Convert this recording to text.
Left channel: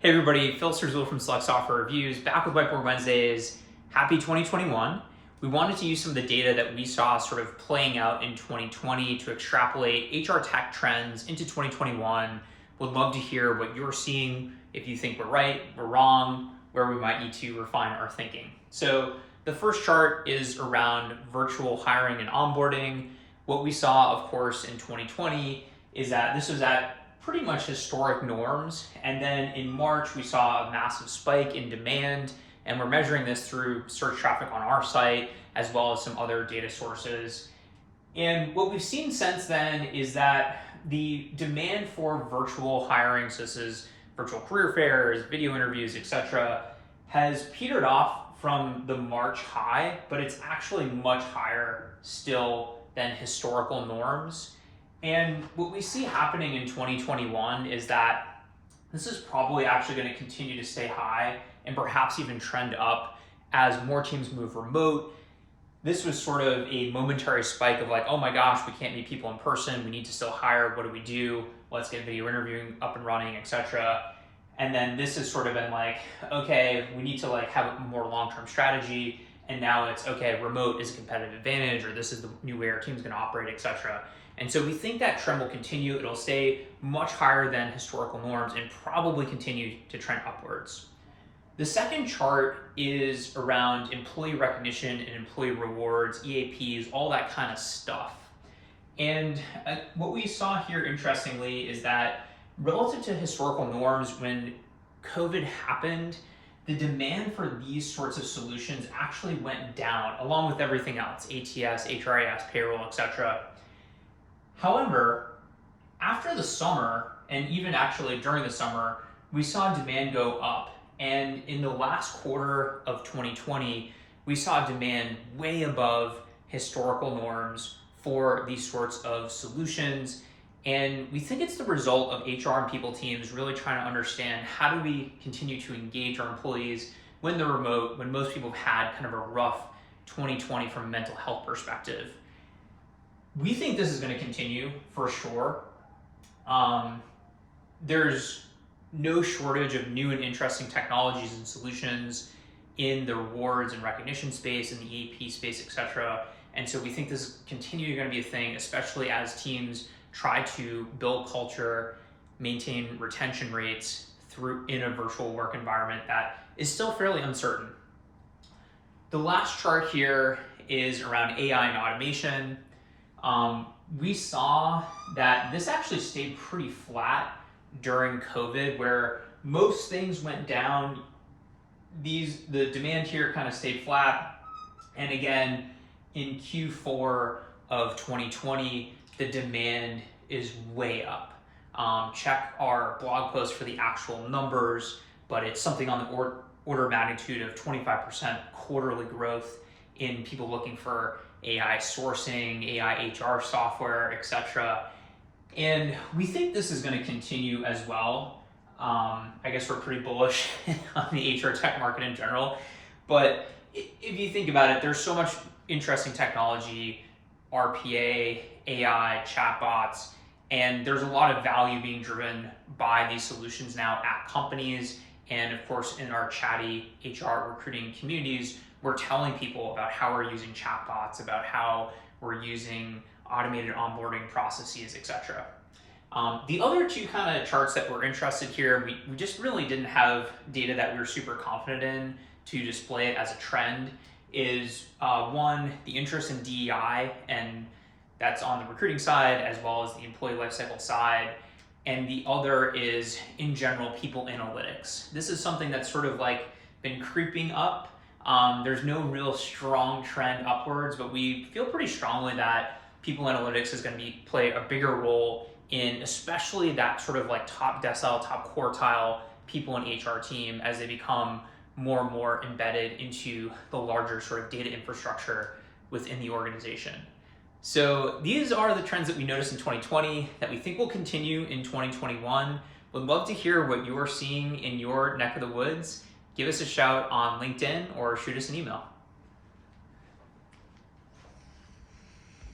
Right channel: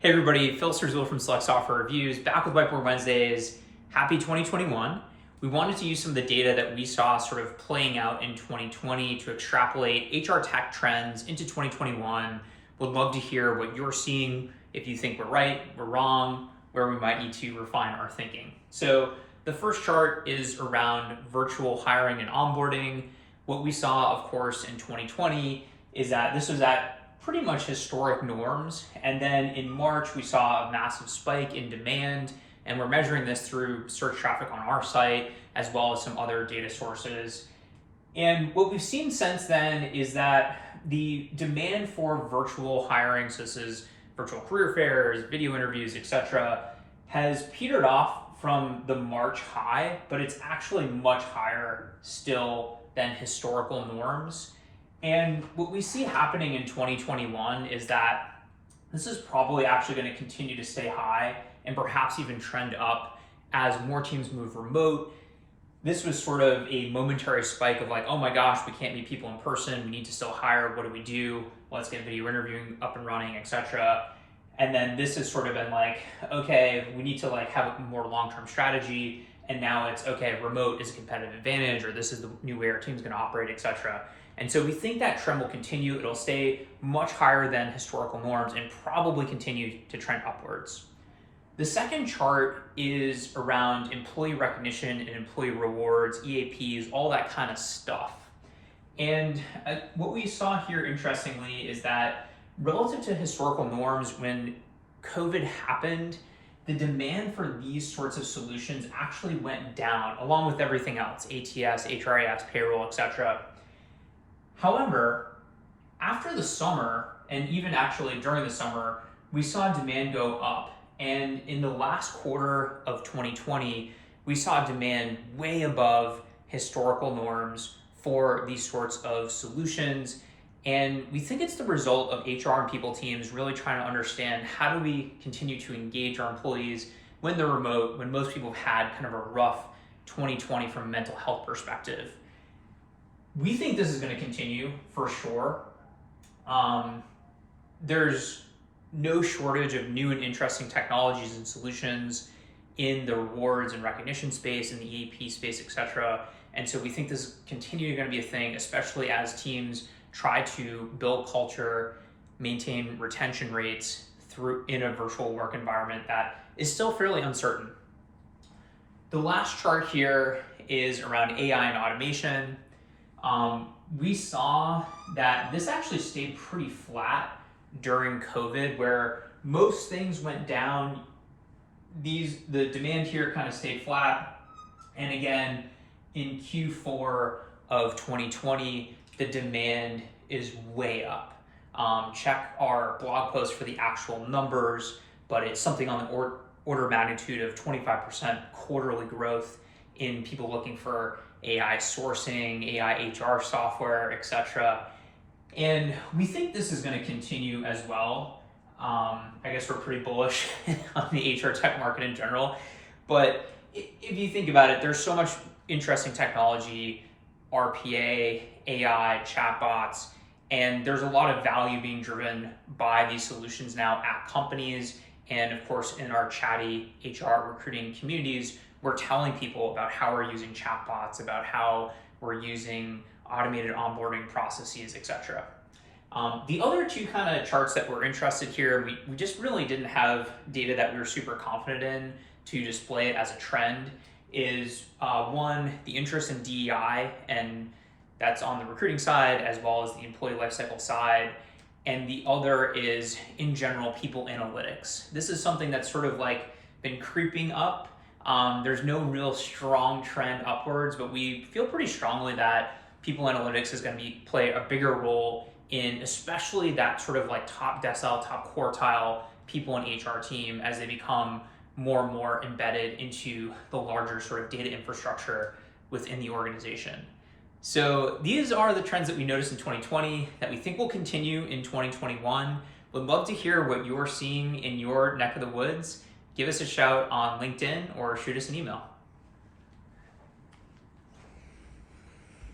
Hey everybody, Phil Serzul from Select Software Reviews, back with Whiteboard Wednesdays. Happy 2021. We wanted to use some of the data that we saw sort of playing out in 2020 to extrapolate HR tech trends into 2021. Would love to hear what you're seeing, if you think we're right, we're wrong, where we might need to refine our thinking. So the first chart is around virtual hiring and onboarding. What we saw, of course, in 2020 is that this was at pretty much historic norms. And then in March, we saw a massive spike in demand, and we're measuring this through search traffic on our site, as well as some other data sources. And what we've seen since then is that the demand for virtual hiring, so this is virtual career fairs, video interviews, etc., has petered off from the March high, but it's actually much higher still than historical norms. And what we see happening in 2021 is that this is probably actually going to continue to stay high and perhaps even trend up as more teams move remote. This was sort of a momentary spike of like, oh my gosh, we can't meet people in person. We need to still hire. What do we do? Let's get video interviewing up and running, etc. And then this has sort of been like, okay, we need to like have a more long-term strategy. And now it's okay, remote is a competitive advantage, or this is the new way our team's going to operate, etc. And so we think that trend will continue. It'll stay much higher than historical norms and probably continue to trend upwards. The second chart is around employee recognition and employee rewards, EAPs, all that kind of stuff. And what we saw here, interestingly, is that relative to historical norms, when COVID happened, the demand for these sorts of solutions actually went down, along with everything else, ATS, HRIS, payroll, etc. However, after the summer, and even actually during the summer, we saw demand go up. And in the last quarter of 2020, we saw demand way above historical norms for these sorts of solutions. And we think it's the result of HR and people teams really trying to understand how do we continue to engage our employees when they're remote, when most people have had kind of a rough 2020 from a mental health perspective. We think this is going to continue for sure. There's no shortage of new and interesting technologies and solutions in the rewards and recognition space, in the EAP space, etc. And so we think this is continuing going to be a thing, especially as teams try to build culture, maintain retention rates through in a virtual work environment that is still fairly uncertain. The last chart here is around AI and automation. We saw that this actually stayed pretty flat during COVID, where most things went down. The demand here kind of stayed flat. And again, in Q4 of 2020, the demand is way up. Check our blog post for the actual numbers, but it's something on the order of magnitude of 25% quarterly growth in people looking for AI sourcing, AI HR software, etc. And we think this is going to continue as well. I guess we're pretty bullish on the HR tech market in general. But if you think about it, there's so much interesting technology, RPA, AI, chatbots, and there's a lot of value being driven by these solutions now at companies. And of course, in our chatty HR recruiting communities, we're telling people about how we're using chatbots, about how we're using automated onboarding processes, etc. The other two kind of charts that we're interested here, we just really didn't have data that we were super confident in to display it as a trend, is one, the interest in DEI, and that's on the recruiting side as well as the employee lifecycle side. And the other is, in general, people analytics. This is something that's sort of like been creeping up. There's no real strong trend upwards, but we feel pretty strongly that people analytics is going to play a bigger role in especially that sort of like top decile, top quartile people in HR team as they become more and more embedded into the larger sort of data infrastructure within the organization. So these are the trends that we noticed in 2020 that we think will continue in 2021. Would love to hear what you're seeing in your neck of the woods. Give us a shout on LinkedIn or shoot us an email.